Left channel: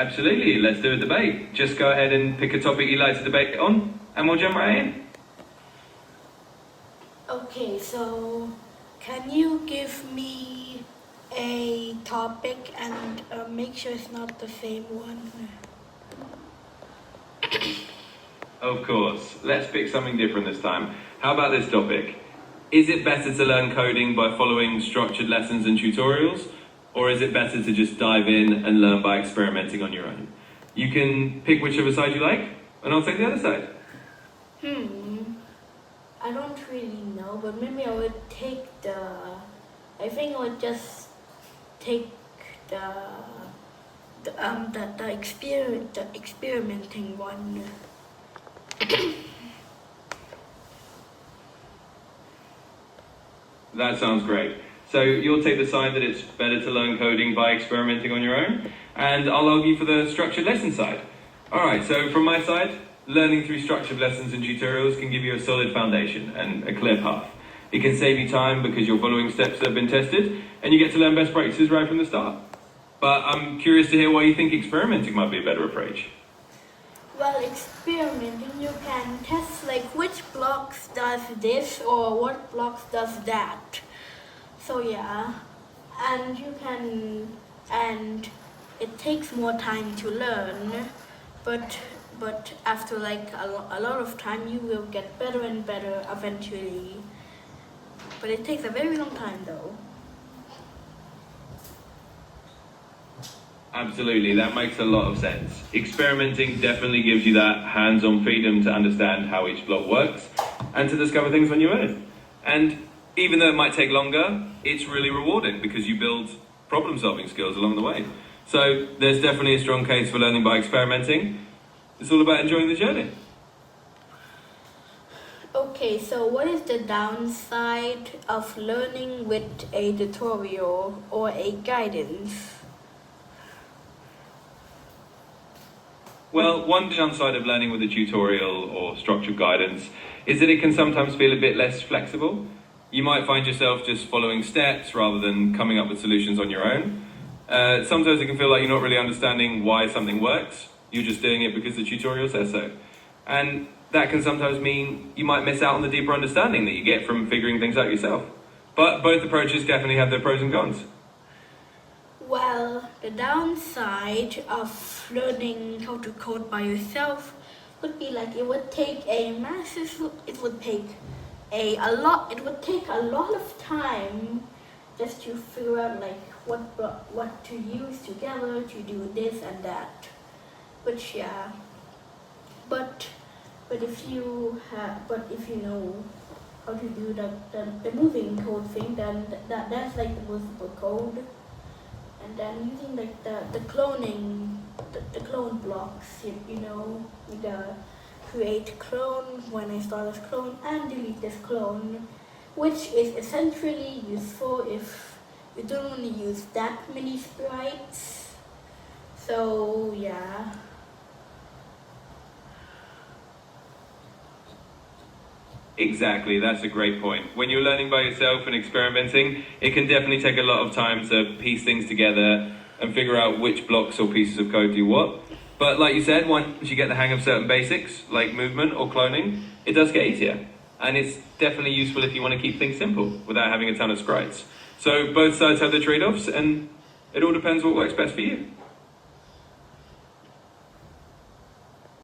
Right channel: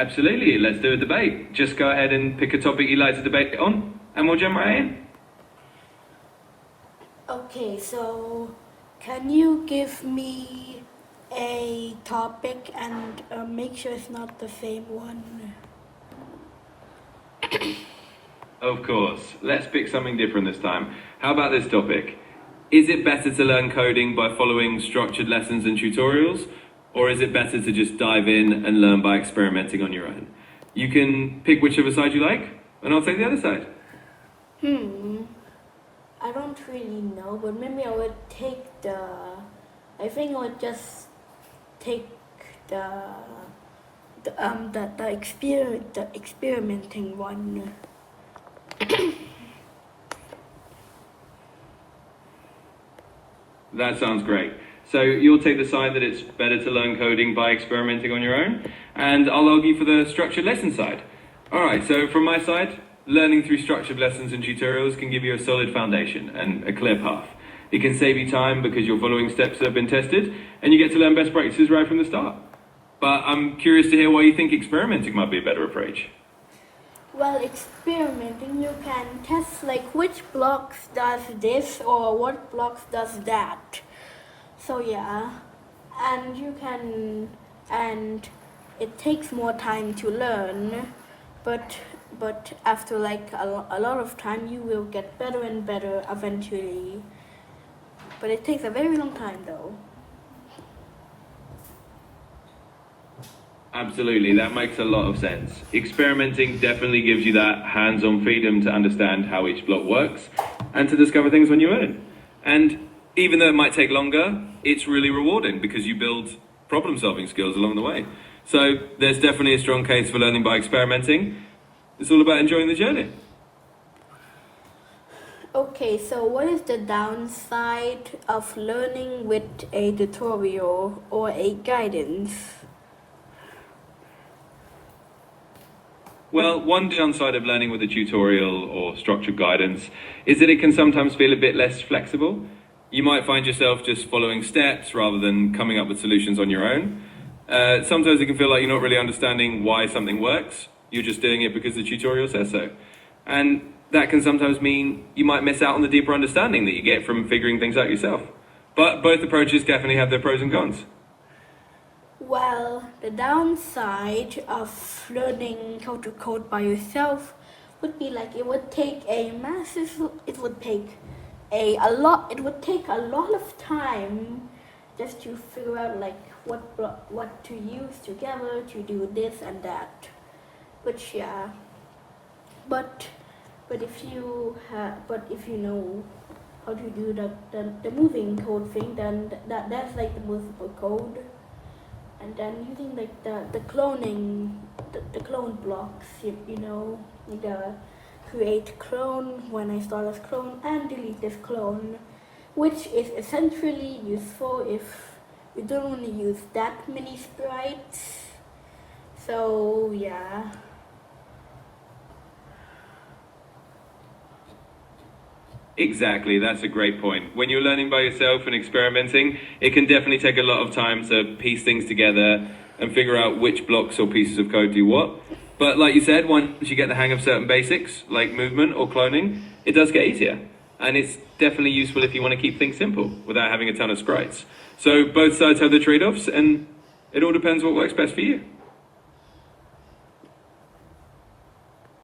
Absolutely, let's do a debate. Just go ahead and pick a topic you'd like to debate on, and we'll jump right in. Okay, so can you give me a topic and make sure it's not the same one? Of course. Let's pick something different this time. How about this topic? Is it better to learn coding by following structured lessons and tutorials, or is it better to just dive in and learn by experimenting on your own? You can pick whichever side you like, and I'll take the other side. I don't really know, but maybe I would take I think I would just take the experimenting one. That sounds great. So you'll take the side that it's better to learn coding by experimenting on your own, and I'll argue for the structured lesson side. Alright, so from my side, learning through structured lessons and tutorials can give you a solid foundation and a clear path. It can save you time because you're following steps that have been tested, and you get to learn best practices right from the start. But I'm curious to hear why you think experimenting might be a better approach. Well, experimenting, you can test like which blocks does this or what blocks does that. So yeah, and it takes more time to learn, but after like a lot of time, you will get better and better eventually. But it takes a very long time though. Absolutely, that makes a lot of sense. Experimenting definitely gives you that hands-on freedom to understand how each block works and to discover things on your own. And even though it might take longer, it's really rewarding because you build problem-solving skills along the way. So there's definitely a strong case for learning by experimenting. It's all about enjoying the journey. Okay, so what is the downside of learning with a tutorial or a guidance? Well, one downside of learning with a tutorial or structured guidance is that it can sometimes feel a bit less flexible. You might find yourself just following steps rather than coming up with solutions on your own. Sometimes it can feel like you're not really understanding why something works. You're just doing it because the tutorial says so. And that can sometimes mean you might miss out on the deeper understanding that you get from figuring things out yourself. But both approaches definitely have their pros and cons. Well, the downside of learning how to code by yourself would be like it would take a lot of time just to figure out like what to use together to do this and that. Which yeah, but if you know how to do the moving code thing, then that's like the movable code. And then using like the cloning, the clone blocks, you know, the create clone when I start this clone and delete this clone, which is essentially useful if you don't want to use that many sprites. So yeah. Exactly, that's a great point. When you're learning by yourself and experimenting, it can definitely take a lot of time to piece things together and figure out which blocks or pieces of code do what. But like you said, once you get the hang of certain basics, like movement or cloning, it does get easier. And it's definitely useful if you want to keep things simple without having a ton of sprites. So both sides have their trade-offs, and it all depends what works best for you.